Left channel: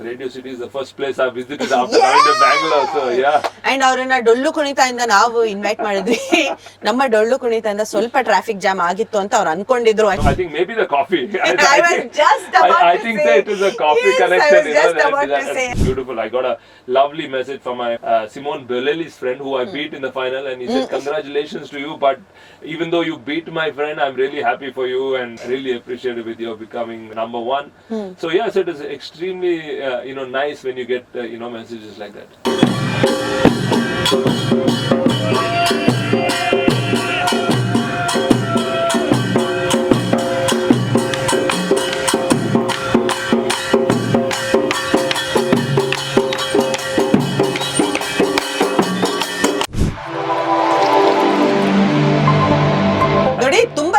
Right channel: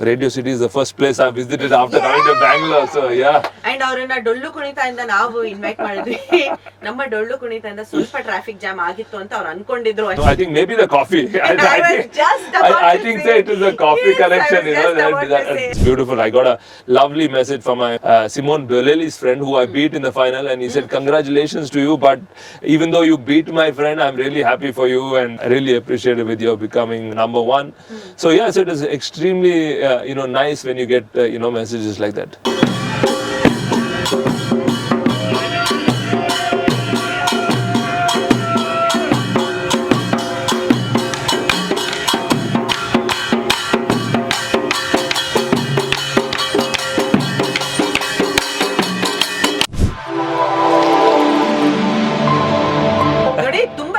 Radio City is the first place I visited after coming to Bangalore. So yeah. And ಅವ್ರನ್ನ ಡೊಳ್ಳು ಕುಣಿತದಿಂದ ನಾವು invite ಮಾಡಿದ್ವಿ. ನಮ್ಮ ಡೊಳ್ಳು ಕುಣಿತದಿಂದ ಸ್ವಲ್ಪ ಟ್ರಾಫಿಕ್ ಜಾಮ್ ಆಗಿತ್ತು ಅಂತ ಅವ್ರು ಅನ್ಕೊಂಡಿದ್ರು. I think maybe the coffee. I think it is a coffee connection. It's beautiful. I got a lovely message from my Simone Bolelli's friend who I beat in the final, and he said, "Congratulations to you, but even though you beat my friend, I'm really happy for you and I really appreciate it with you becoming number one." So yes, it is extremely nice when you get messages like that.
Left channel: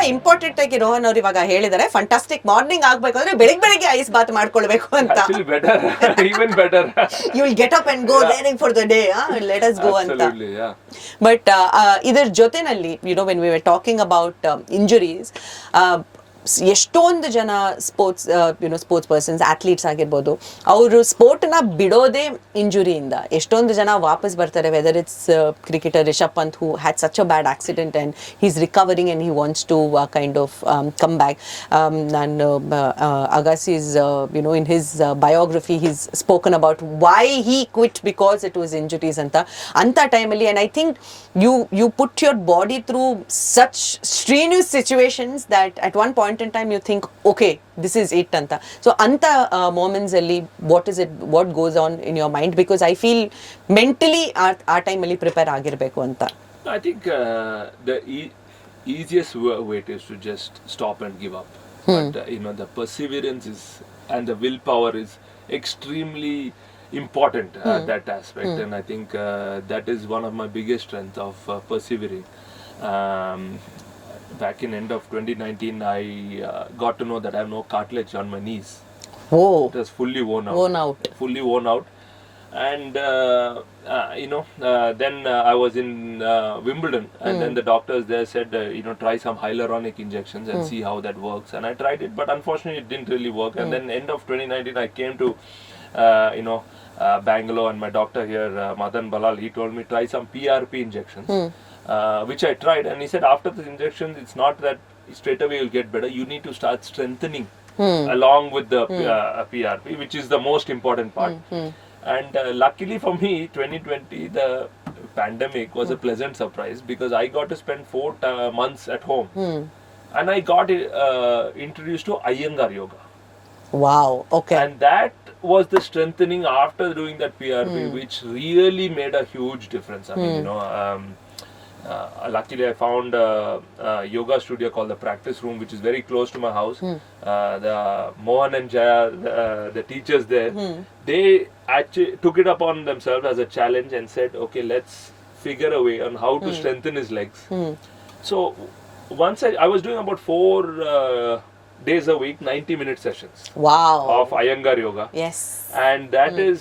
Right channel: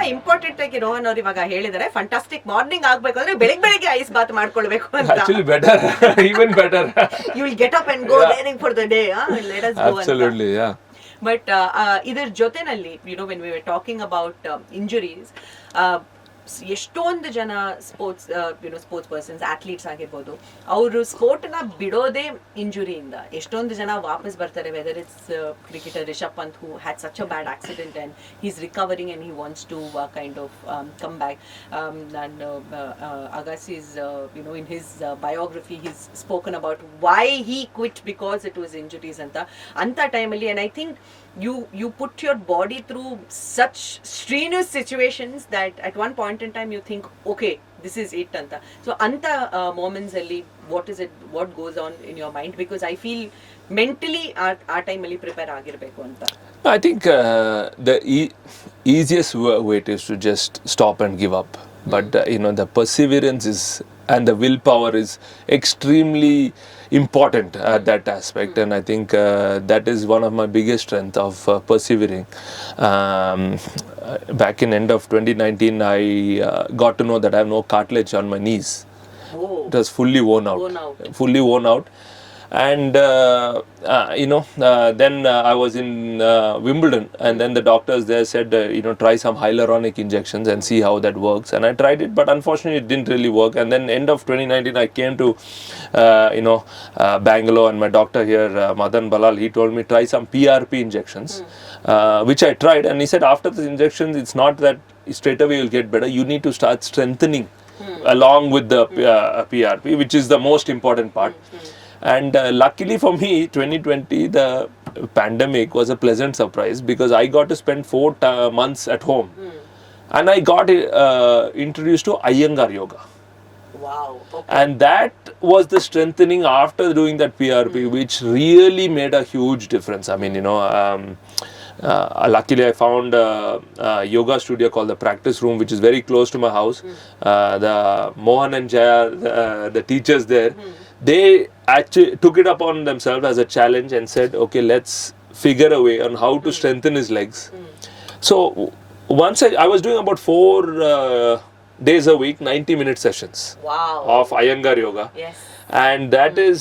Important ಆಗಿ ರೋಹನ್ ಅವರು ಇವಾಗ ಹೇಳಿದ್ದಾರೆ fantastic morning ಆಗ್ಬೇಕಂದ್ರೆ ಬೆಳಿಗ್ಗೆ ice Baat ಮಾಡ್ಕೊಳ್ಬೇಕು ಅಂತ. Actually better, even better. You will get up and go daring for the day. Let us go. Absolutely, yeah. But ಇದರ ಜೊತೆನಲ್ಲಿ when we were talking about injuries, ಎಷ್ಟೊಂದು ಜನ ಸ್ಪೋರ್ಟ್ಸ್ ಪರ್ಸನ್ಸ್ ಅಥ್ಲೀಟ್ಸ್ ಆಗಿರ್ಬೋದು, ಅವರು ಸ್ಪೋರ್ಟ್ನ ಬಿಡೋದೇ ಇಂಜುರಿಯಿಂದ. ಎಷ್ಟೊಂದು ಜನ ವಾಪಸ್ ಬರ್ತಾರೆ, whether it's cricketer Rishabh Pant who had such a bad accident and he's recovering and he wants to kind of come back. And Agassi's in his biography he's spoken about why he quit because it was injuries anta time alli. And I think you put your body through such strenuous situations that at one point in time you think, okay, this is it anta. So anta moments alli what goes on in your mind? Because I feel mentally our time alli prepare agirbeku anta. I think the easiest way is to just stop and give up. But the perseverance and the willpower is extremely important at that aspect. And I think that is one of my biggest strength of persevering. Back in end of 2019, I got to know that I have no cartilage on my knees. Oh. It was fully worn out. Fully worn out. And then I was in Wimbledon, and then the doctors there said try some hyaluronic injections and see how that works. And I tried it, but unfortunately it didn't really work. And then end of 2019 I came to Bangalore, and my doctor here, Madan Balal, he told me try some PRP injections, which I tried. And he said after the injections, it's not that straight away you'll get better, you need to start strengthening along with the PRP, which is the most important part. And luckily for me, 2020, the pandemic was a pleasant surprise because I got to spend 4 months at home. And I got introduced to Iyengar yoga. Wow, okay. And that was the strengthening after doing that PRP, which really made a huge difference. I mean, luckily I found a yoga studio called the Practice Room, which is very close to my house. The Mohan and Jaya, the teachers there, they actually took it upon themselves as a challenge and said, okay, let's figure a way on how to strengthen his legs. So once I was doing about 4 days a week, 90-minute sessions. Wow. Of Iyengar yoga. Yes. And that is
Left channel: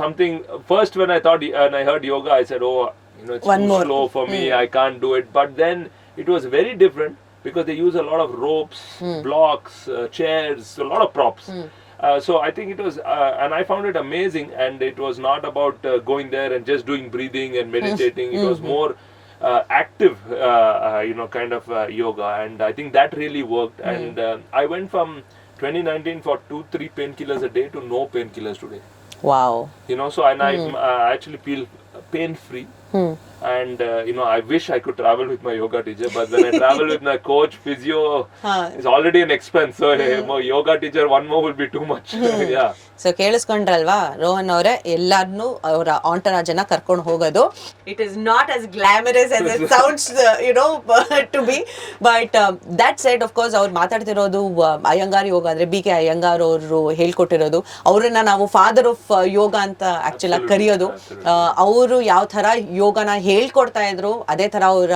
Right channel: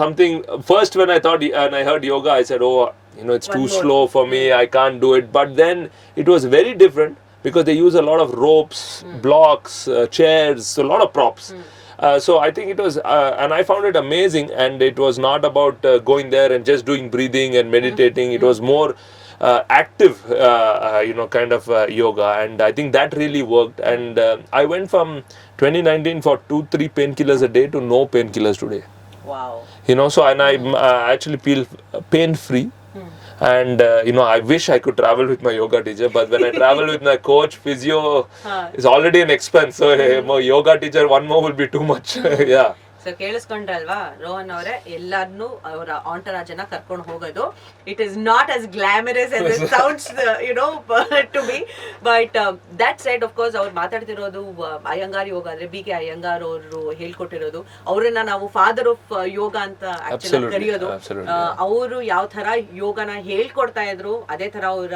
something. First when I heard yoga, I said, it's too slow for me, I can't do it. But then it was very different because they use a lot of ropes, blocks, chairs, a lot of props. So I think it was, and I found it amazing. And it was not about going there and just doing breathing and meditating. It was more active, kind of yoga. And I think that really worked. And I went from 2019 for 2-3 painkillers a day to no painkillers today. Wow. So and I actually feel pain free. And I wish I could travel with my yoga teacher, but when I travel with my coach, physio is already an expense. So yoga teacher, one more will be too much. Yeah. So ಕೇಳಿಸ್ಕೊಂಡ್ರಲ್ವಾ ರೋಹನ್ ಅವರೇ, ಎಲ್ಲಾರನ್ನೂ ಅವರ ಆಂಟರಾಜನ ಕರ್ಕೊಂಡು ಹೋಗೋದು it is not as glamorous as it sounds to be. But that side of course ಅವ್ರು ಮಾತಾಡ್ತಿರೋದು ಅಯ್ಯಂಗಾರ್ ಯೋಗ ಅಂದ್ರೆ BK ಅಯ್ಯಂಗಾರ್ ಅವರು ಹೇಳ್ಕೊಟ್ಟಿರೋದು. ಅವ್ರನ್ನ ನಾವು ಫಾದರ್ ಆಫ್ ಯೋಗ ಅಂತ ಆಕ್ಚುಲಿ ಕರೆಯೋದು. ಅವರು ಯಾವ ತರ ಯೋಗನ ಹೇಳ್ಕೊಡ್ತಾ ಇದ್ರು, ಅದೇ ತರ ಅವರ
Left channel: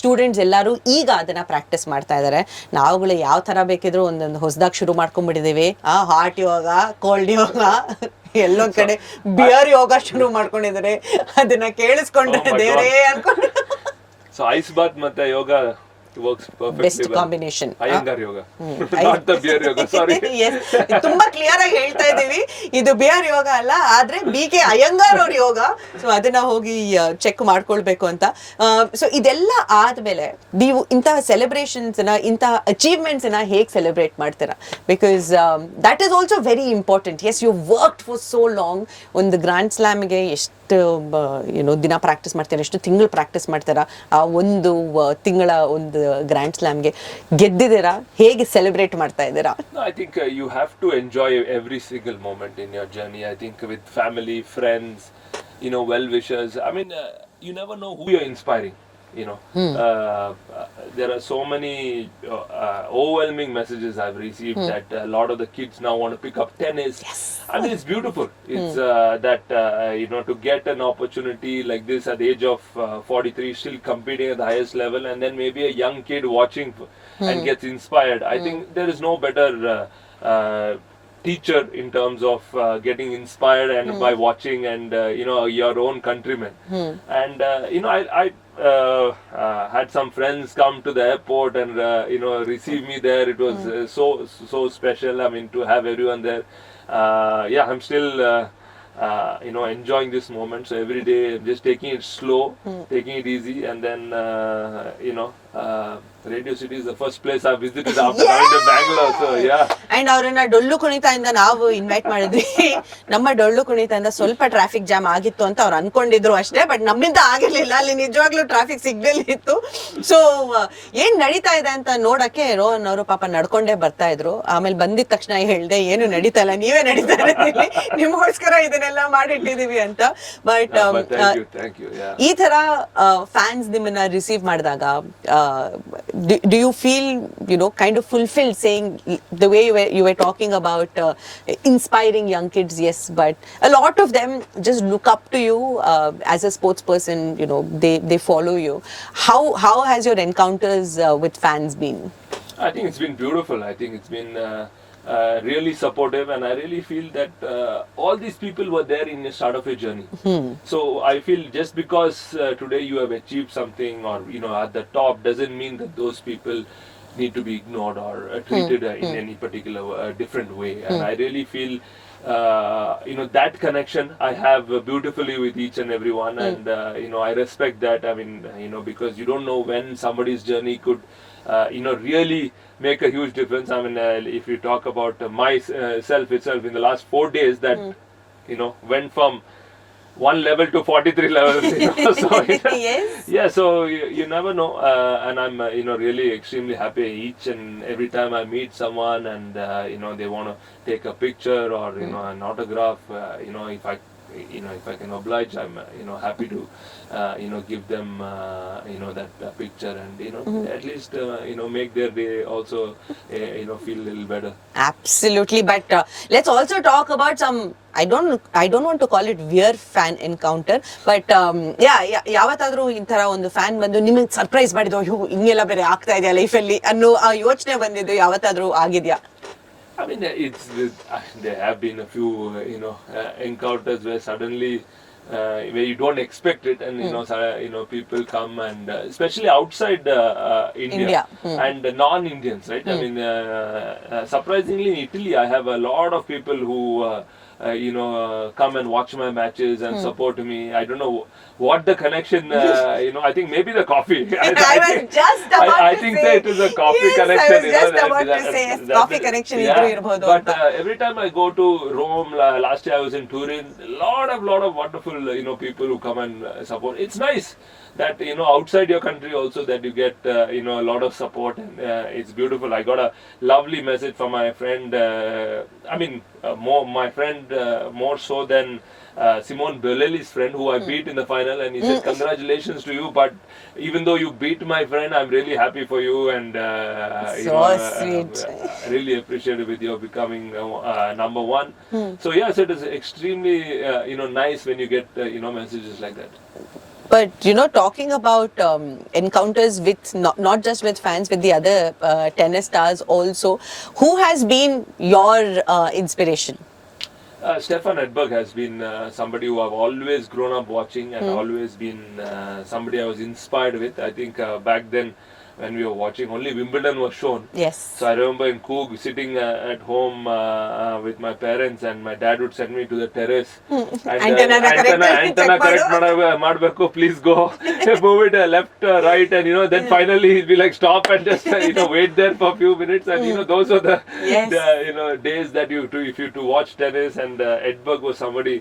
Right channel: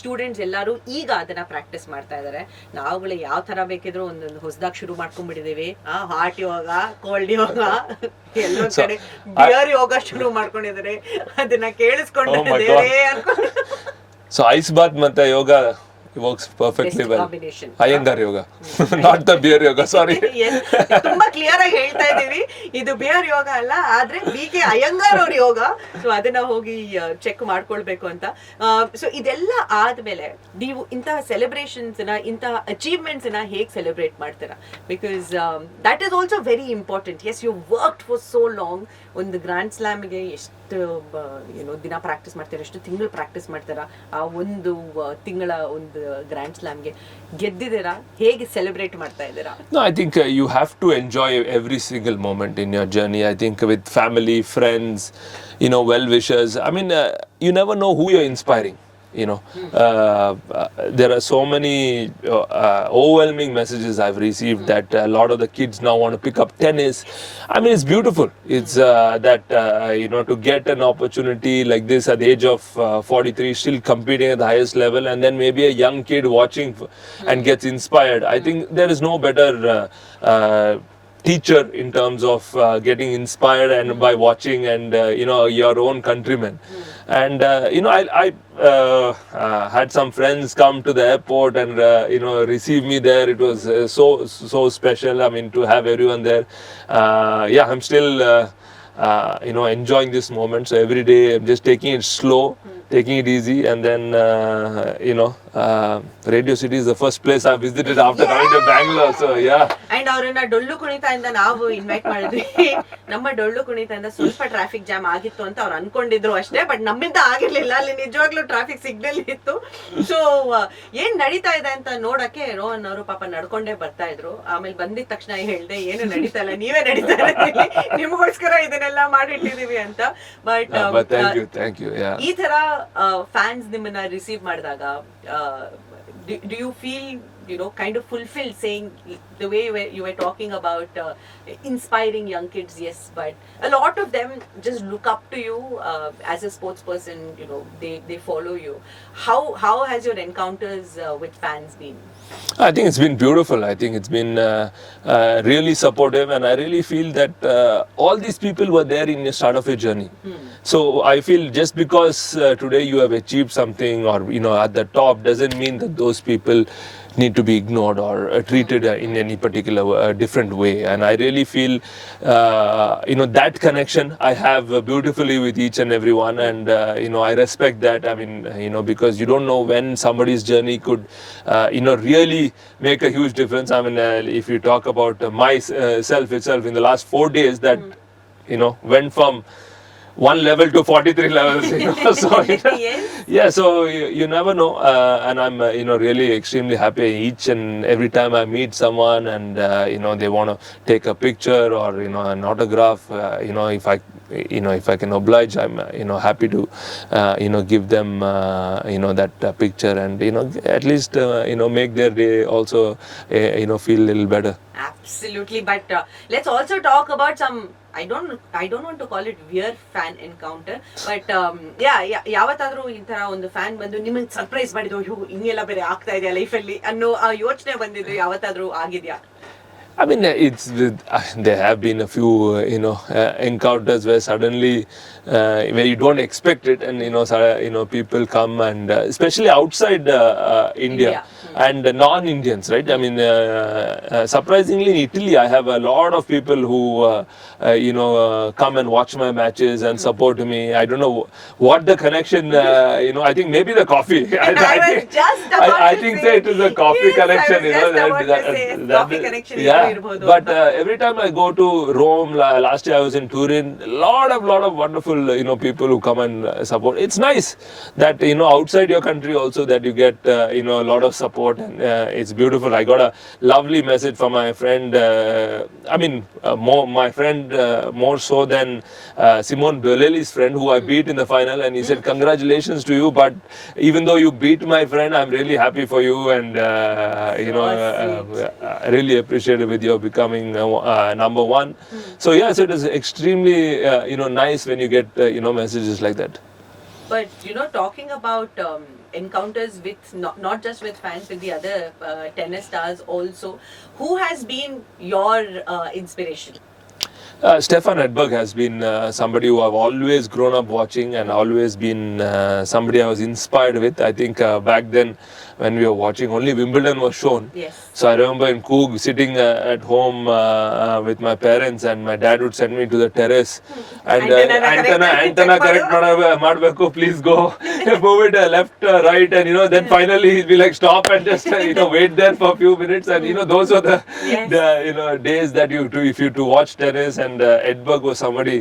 ಸ್ಟೂಡೆಂಟ್ಸ್ ಎಲ್ಲರೂ ಈಗ ಅದನ್ನ ಪ್ರಾಕ್ಟೀಸ್ ಮಾಡ್ತಾ ಇದಾರೆ. ನಾವುಗಳು ಯಾವ ತರ ಬೇಕಿದ್ರು ಒಂದೊಂದು ಹೊಸದಾಗಿ ಶುರು ಮಾಡ್ಕೊಂಡ್ಬಿಟ್ಟಿದೀವಿ. ಹಾರ್ಟ್ ಯೋಗ, ಕೋಲ್ಡ್ ಯೋಗ, ಎಲ್ಲೊಂದ್ ಕಡೆ ಬಿಯರ್ ಯೋಗ ಶುರು ಮಾಡ್ಕೊಂಡಿದ್ದಾರೆ. ಅದನ್ನ ಕೇಳಿಸ್ಕೊಂಡ್ರೆ ದೇವರೇ ಅನ್ಕೊಂಡು. ಸೊ ಐಸ್ ಬಾತ್ ಮತ್ತೆ ಯೋಗ works perfectly Best well. combination. Iyengar yoga, not the beer yoga. Sorry. Yes. ತುಂಬಾ ಕ್ಲಿಯರ್ ಆಗಿ ಹೇಳ್ತಾ ಇದೀವಿ, ಇದು ಬಿಯರ್ ಯೋಗ ಅಲ್ಲ, ಆದ್ರೆ BK ಅಯ್ಯಂಗಾರ್ ಅವ್ರ ಯೋಗ. ಸೊ ಅದನ್ನ ಹೋಗಿ ಚೆಕ್ ಮಾಡ್ಕೊಳ್ಬೇಕು ಅಂತ. ಸೊ ಇದೆಲ್ಲ ಆದ್ಮೇಲೆ ನೀವು ಇಂತಹ ಸೆಲೆಬ್ರೇಷನ್ಸ್ ನ, ಇಂತಹ ಅಚೀವ್ಮೆಂಟ್ಸ್ ನ ಹೇಗೆ ಸೆಲೆಬ್ರೇಟ್ ಮಾಡ್ತೀರಾ? Because that is also very important. Yes, you worked for so long. ಒಂದು ಗ್ರ್ಯಾಂಡ್ ಸ್ಲಾಮ್ಗೆ ಎಷ್ಟು ದಿನ ಪ್ರಾಕ್ಟೀಸ್ ಮಾಡ್ತೀರಾ, ಎಷ್ಟು ತಿಂಗಳು ಪ್ರಾಕ್ಟೀಸ್ ಮಾಡ್ತೀರಾ? ಆ ಒಂದು ತಿಂಗಳ ಒಂದು ಗ್ರ್ಯಾಂಡ್ ಸ್ಲಾಮ್ಗೆ ಗೆದ್ದಿದ್ದೀರಾ, ಹೇಗೆ ಸೆಲೆಬ್ರೇಟ್ ಮಾಡ್ತಾ ಇದ್ದೀರಾ? No, I think you have to enjoy every single moment in your journey. I think with family, friends, well-wishers. I mean, you never know who you're inspiring. There are so many overwhelming messages I've received that a lot of the kids now want to pick up tennis. I mean, it's beautiful. It's that to get an opportunity like this at the age of 43, still competing at the highest level, and then maybe a young kid watching and gets inspired. I think there is no better teacher in terms of getting inspired and by watching and your own countrymen. And I had some friends come to the airport and receive me there. It was so special. I mean, to have everyone there. I'm still enjoying this moment. So every day I'm just taking it slow, taking it easy, and then Radio City is the first place I visited after coming to Bangalore. So and ಅವ್ರನ್ನ ಡೊಳ್ಳು ಕುಣಿತದಿಂದ ನಾವು invite ಮಾಡಿದ್ವಿ. ನಮ್ಮ ಡೊಳ್ಳು ಕುಣಿತದಿಂದ ಸ್ವಲ್ಪ traffic jam ಆಗಿತ್ತು ಅಂತ ಅವ್ರು ಅನ್ಕೊಂಡಿದ್ರು ಅಷ್ಟೇ, ಬಟ್ ನಮ್ಮಿಂದ ಆಗಿರ್ಲಿಲ್ಲ. ಅಲ್ಲಿ ನಿಜವಾಗ್ಲೂ ಟ್ರಾಫಿಕ್ ಸಿಗ್ನಲ್ ಇತ್ತು. ಸೊ ಏನ್ ನಡೀತಾ ಇದೆ ಅಂತ ನೋಡಕ್ಕೆ ರೋಹನ್ ಅವರು ಪಾಪ ನಡ್ಕೊಂಡೇ ಬರ್ತಾ ಇದ್ರು. ಆಮೇಲೆ ಬಂದಿದ ತಕ್ಷಣ ಹೇಳ್ದೆ, ಏನು ನಡೀತಾ ಇಲ್ಲ, ನೀವೇ ನಡೀತಾ ಇದ್ದೀವಿ, ನಿಮ್ಗೋಸ್ಕರ ಇದನ್ನೆಲ್ಲ ಮಾಡಿಟ್ಟಿದೀವಿ ಅಂತ. ಬಟ್ ಈ ತರ ಫ್ಯಾನ್ಸ್ ನಿಮ್ಮನ್ನ ರಿಸೀವ್ ಮಾಡಿದಾಗ do you feel kind of fulfilled, saying the way you were talking about inspiring young kids? Yes, but a lot of them just look up to you as a sports person. They follow you. How has your encounters with fans been? I think it's been beautiful. I think it's been really supportive, and I really feel that all these people were there in the start of your journey. So I feel just because today you have achieved something or at the top doesn't mean that those people need to be ignored or treated in any particular different way. And I really feel that connection I have beautifully with each and everyone. And I respect that. I mean, because you don't know when somebody's journey could really make a huge difference. I mean, if you talk about myself itself in the last 4 days, that went from one level to 43 levels. So Yes. so you never know, and I'm really extremely happy each and every time I meet someone and they want to take a picture or an autograph. If I can oblige, I'm happy to give them that picture and at least make their day also feel a little better. Absolutely. But let's also talk about some, I don't want to call it weird fan encounter, but ಯಾವತ್ತಾದ್ರೂ ಈ ತರ ಒಂದು fan ಬಂದು ನಿಮಗೆ surprise ಮಾಡಿದ್ರು, ಹಿಂಗೆಲ್ಲ ಬೇರೆ ಆಗ್ತಾ ಇದೆಯಾ ಲೈಫಲ್ಲಿ ಅನ್ನೋ ಆ ಯೋಚನೆ ಬಂದಿದ್ದು ಯಾವತ್ತಾದ್ರೂ ಆಗಿದ್ಯಾ? I mean, there have been a few, encounters where suddenly, where you don't expect it, and people come and especially outside India. And non-Indians, right? I mean, surprisingly in Italy, I have a lot of people who come and watch my matches and support me. I don't know what the connection. I think maybe the coffee. I think it is a coffee connection. Coffee connection. But every time I go to Rome, last year I was in Turin, lot of wonderful people who come and support. It's nice that outside your country also that you get a lot of support, and it's beautiful. I got a lovely message from my friend. My friend more so than Simone Biolelli's friend, who I beat in the final, and he said, "Congratulations to you, but even though you beat my friend, I'm really happy for you, and I really appreciate it with your becoming number one." So yes, it is extremely nice when you get messages like that. But talking about encounters with not just with fans, with the other tennis stars also, who has been your inspiration? Stefan Edberg has been somebody who I've always grown up watching and always been somebody I was inspired with. I think back then when we were watching. Only Wimbledon was shown. Yes. So I remember in Coog sitting at home with my parents, and my dad would send me to the terrace. And antenna correct madbeku, please go. Move it left, right, and then finally he'll be like, stop and just wait there for a few minutes. And those were the days that you do if you to watch tennis. And Edberg was somebody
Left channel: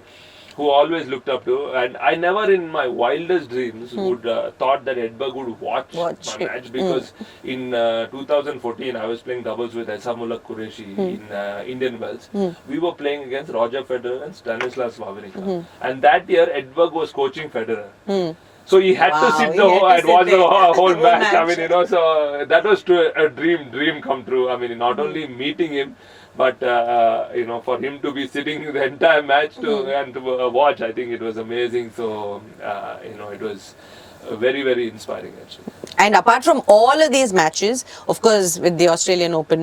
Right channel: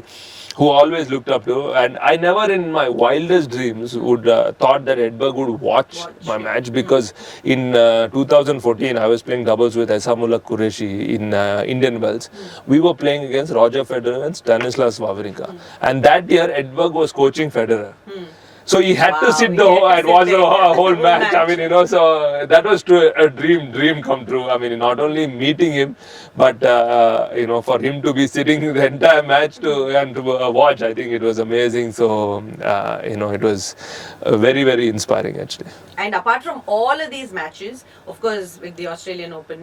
who always looked up to, and I never in my wildest dreams would thought that Edberg would watch my match, because in 2014 I was playing doubles with Esamullah Qureshi in Indian Wells. We were playing against Roger Federer and Stanislas Wawrinka, and that year Edberg was coaching Federer. So he had to sit and watch the whole match. I mean, so that was a dream come true. I mean, not only meeting him, but for him to be sitting the entire match to watch, I think it was amazing. So it was very, very inspiring actually. And apart from all of these matches, of course, with the Australian Open,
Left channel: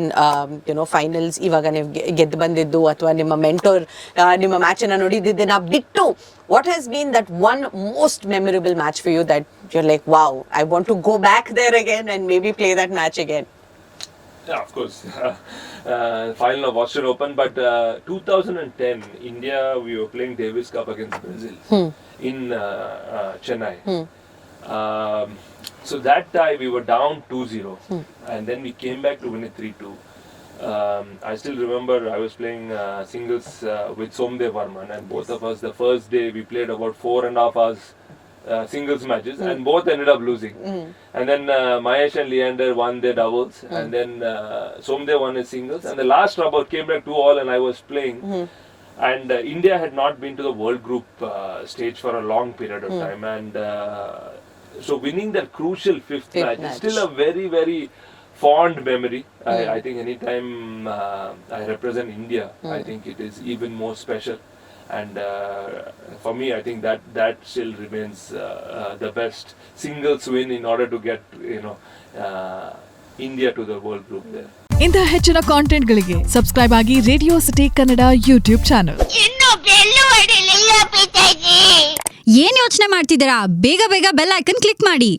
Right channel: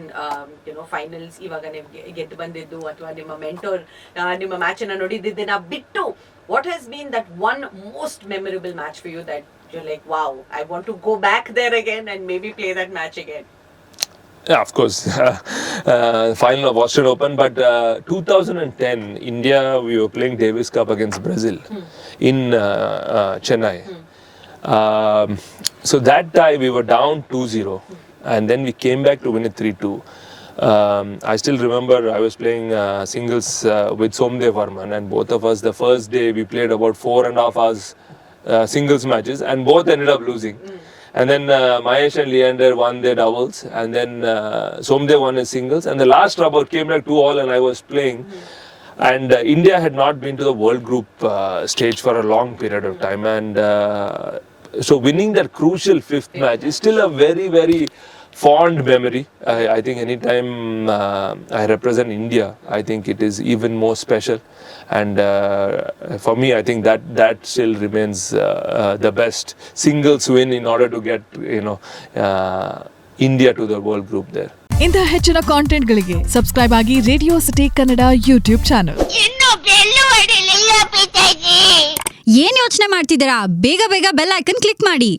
finals, ivaga ನೀವು ಗೆದ್ದು ಬಂದಿದ್ದು ಅಥವಾ ನಿಮ್ಮ mentor ನಿಮ್ಮ match ಅನ್ನು ನೋಡಿದ್ದನ್ನ ಬಿಟ್ಟು, what has been that one most memorable match for you that you're like, wow, I want to go back there again and maybe play that match again? Yeah, of course. Final of Australian Open, but 2010, India, we were playing Davis Cup against Brazil in Chennai. So that time we were down 2-0, and then we came back to win it 3-2. I still remember I was playing singles with Somdev Varman, and both of us, the first day we played about 4.5 hours singles matches, and both ended up losing. And then Mahesh and Leander won their doubles, and then Somdev won his singles, and the last rubber came back 2-2, and I was playing. And India had not been to the World Group stage for a long period of time, and so winning that crucial fifth match is still a very, very fond memory. I think anytime I represent India, I think it is even more special. And for me, I think that still remains the best singles win in order to get India to the World Group there. ಇಂಥ ಹೆಚ್ಚಿನ ಕಾಂಟೆಂಟ್ಗಳಿಗೆ subscribe ಆಗಿ radio city Kannada YouTube channel. ಏನ್ ಯೋಚನೆ ಮಾಡ್ತಿದ್ದೀರಾ? ಬೇಗ ಬೇಗ bell icon click ಮಾಡಿ.